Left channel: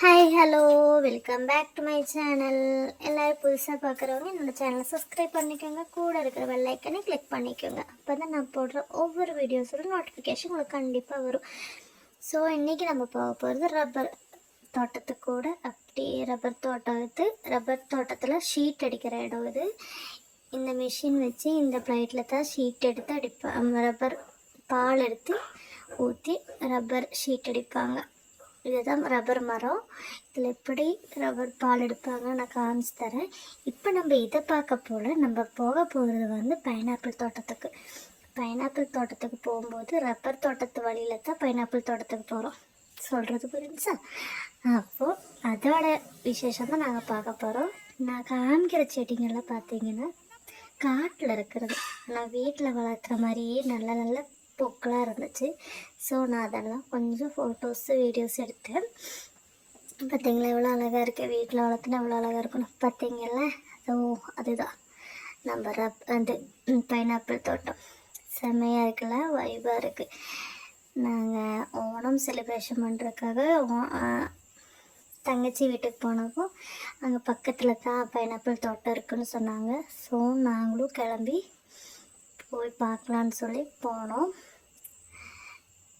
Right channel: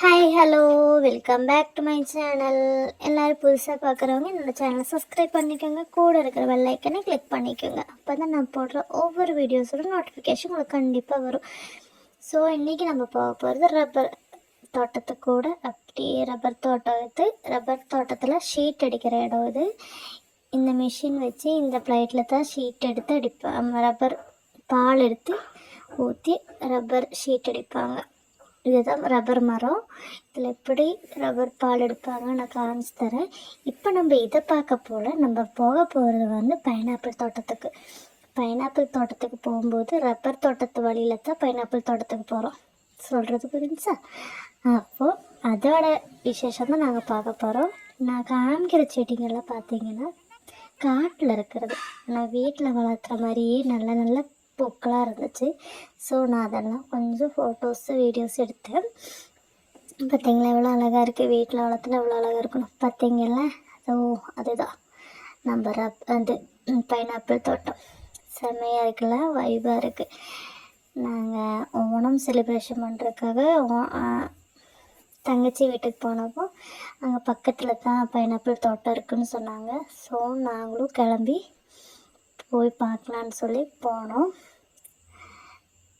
Hi hello welcome back to my channel எல்லோரும் புதுசாக பார்க்குறவங்க என்னோடய சேனலை சப்ஸ்கிரைப் பண்ணிக்கோங்க. கூட இருக்கிற வெள்ளைக்கனை கிளிக் பண்ணிக்கோங்க. அப்போ தான் நான் போடுற ஒவ்வொரு வீடியோஸோட நோட்டிஃபிகேஷன் உங்களுக்கு கண்டிப்பாக வரும். ஸோ இன்றைக்கி நம்ம போக போகிறது ரப்பர் தோட்டத்துக்கூட அப்படியே ரப்பர் தோட்டத்து ரப்பர் தோட்டத்தில் ஷீட் அடிக்கிற இடம் இது. இந்த மிஷின் வச்சு இந்த ஃப்ளைட்டில் தான் ஷீட் எடுத்து அடிப்பாங்க ரப்பர் பால் எடுத்து ஊற்றி ரப்பர் ஷீட் அடிப்பாங்க. இதுதான் ரப்பர் மரம். இதில் எப்படி ரப்பர் பால் எடுப்பாங்க நான் காமிச்சு தரேன். இப்போ நம்ம இதை பார்க்க போல் நம்ம போக போகிறது வந்து பைனாப்பிள் தோட்டத்துக்கு. பைனாப்பிள் தோட்டத்துக்கு போகும்போது ரப்பர் தோட்டத்து வழியில் தான் பைனாப்பிள் தோட்டத்துக்கு போகிறோம் சொல்கிறது புரிஞ்சா அப்போது அதோட விசேஷம் தான் நாங்கள் பார்க்க போகிறோம் நான் காமிக்கிற செடிங்கள்லாம் பார்த்தீங்கன்னா காட்டில் இருக்கிறது. நான் வீட்டில் வளர்க்குற மாதிரியே நல்ல நல்ல பூக்களாக இருந்துச்சு. ஸோ நான் அதெல்லாம் கொஞ்சம் ஃபோட்டோஸு வீடியோஸ் எடுத்தேன். பார்த்தீங்களா எவ்வளோ அழகாக இருக்குது வீட்டில் வளர்த்துனா எவ்வளோ அழகாக இருக்கணும் பார்த்தீங்கல்ல ஓ அதுதான். நம்ம ரப் அது பைனாப்பிள் தோட்டம். செம்மையாக இருக்குல்ல வைபாக இருக்குது நாங்கள் ஓணம் செலிப்ரேஷன் பண்ணுறதுக்காக தங்கச்சி வீட்டுக்கு போனப்போ அங்கே பக்கத்தில் தான் பைனாப்பிள் தோட்டம் இருக்குதுன்னு சொன்னாங்க. ஸோ நாங்களும் கிளம்பி போய் பார்க்கலான்னு சொல்லி போனோம்.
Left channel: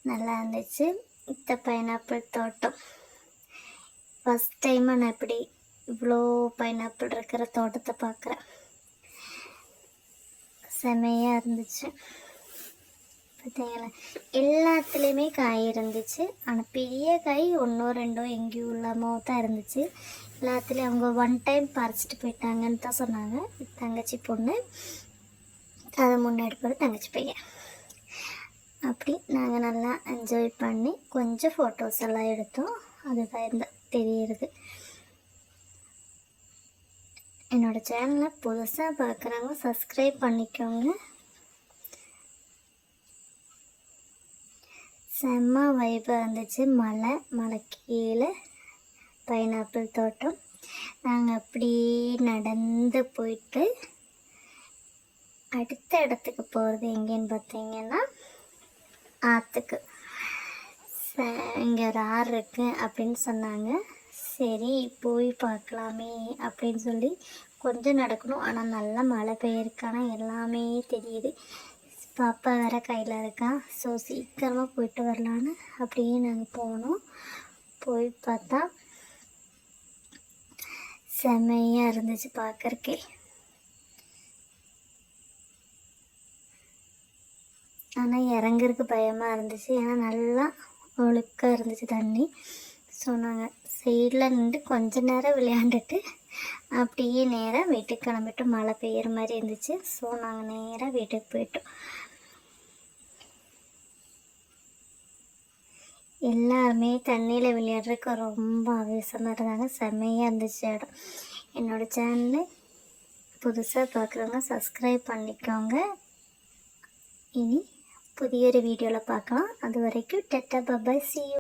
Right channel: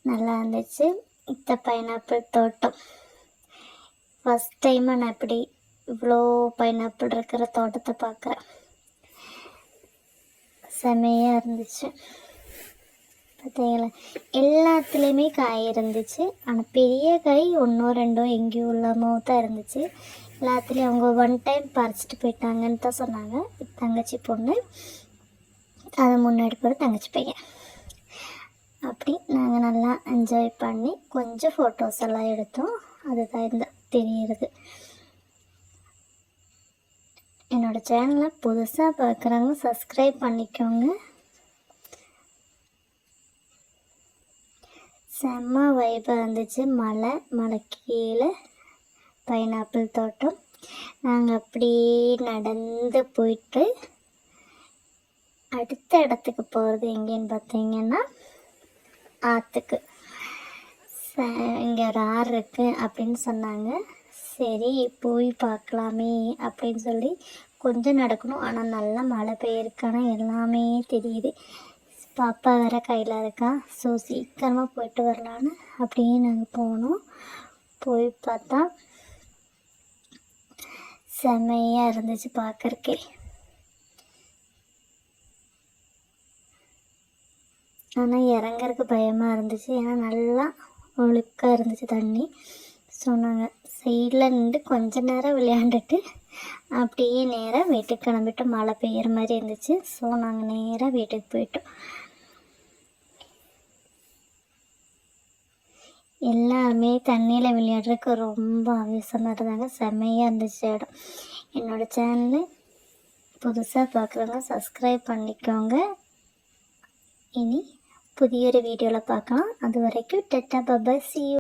நல்லா இருந்துச்சு. இந்த பைனாப்பிள் தோட்டம். ஃபஸ்ட் டைம் நான் இப்படி இவ்வளோ பைனாப்பிள் இருக்கிற தோட்டத்தை பார்க்குறேன். செமையாக இருந்துச்சு. பார்த்தீங்களா எல்லாத்துலேயுமே காய் இருந்துச்சு. ஆனால் பெரிய காய் ஒன்றோ ரெண்டோ எங்கேயும் இல்லாமல் தான் இருந்துச்சு. எல்லாத்துலேயும் அவங்க ஒன் டைம் பறிச்சிட்டு போயிட்டாங்கன்னு தான் சொன்னாங்க. தங்கச்சி பொண்ணு. அது முன்னாடி போகிற தங்கச்சி பையன். அப்படி நாங்கள் நல்லா என்ஜாய் பண்ணி கொஞ்சம் ஃபோட்டோஸ் எல்லாம் எடுத்தோம். அதுதான் இந்த தெரியுறது என்னோடய சேனலை புதுசாக பார்க்குறவங்க சப்ஸ்கிரைப் பண்ணிக்கோங்க. செம்ம வைபாக இருந்துச்சு. மலை மலை கீழே பைனாப்பிள் தோட்டம். நாங்கள் அப்படியே நடந்து போயிட்டு அடுத்த இடத்துக்கு போகிறது எங்கேன்னு பார்த்தீங்கன்னா ஆற்றுக்கு இங்கே ஒரு ஆறு இருக்கு அப்படின்னு சொன்னாங்க. சரி போய் பார்க்கலாமே அப்படின்னு சொல்லி கொஞ்சம் நடக்கணும். ஆனால் நல்லா மழை பெய்யிருக்கான எல்லாமே தெரியுது. பாப்பா வேற கையில் இருக்கான் ஸோ சீக்கிரமாக போயிட்டு வரலான்னு அப்படியே நாங்கள் போனோம். போய் பார்த்தா செம்மையாக இருந்துச்சு பார்க்குறக்கே. ஆனால் இறங்குறதுக்கு பயமாக இருந்துச்சு. ஏன்னா நல்லா ஒழுக்காக இருந்துச்சு தண்ணி. ஸோ நாங்கள் சைடில் நின்று கொஞ்ச நேரம் விளையாண்டுட்டு அப்படியே நேராக வீட்டுக்கு கிளம்பிட்டு மழை பெய்கிற மாதிரி இருந்துச்சு. ஸோ நாங்கள் நேராக வீட்டுக்கு போயிட்டோம். எல்லாருமே தண்ணியில் விளையாடுறதுக்கு ரொம்ப ஆவேசமாக இருந்தாங்க. செம்மையாக இருந்துச்சு இடம். என்னோடய சேனலை புதுசாக பார்க்குறவங்க சப்ஸ்கிரைப் பண்ணிக்கோங்க. இனி புதிய ஒரு வீடியோவில் பார்க்கலாம். அது வரைக்கும் டெட்டா பபாய் சி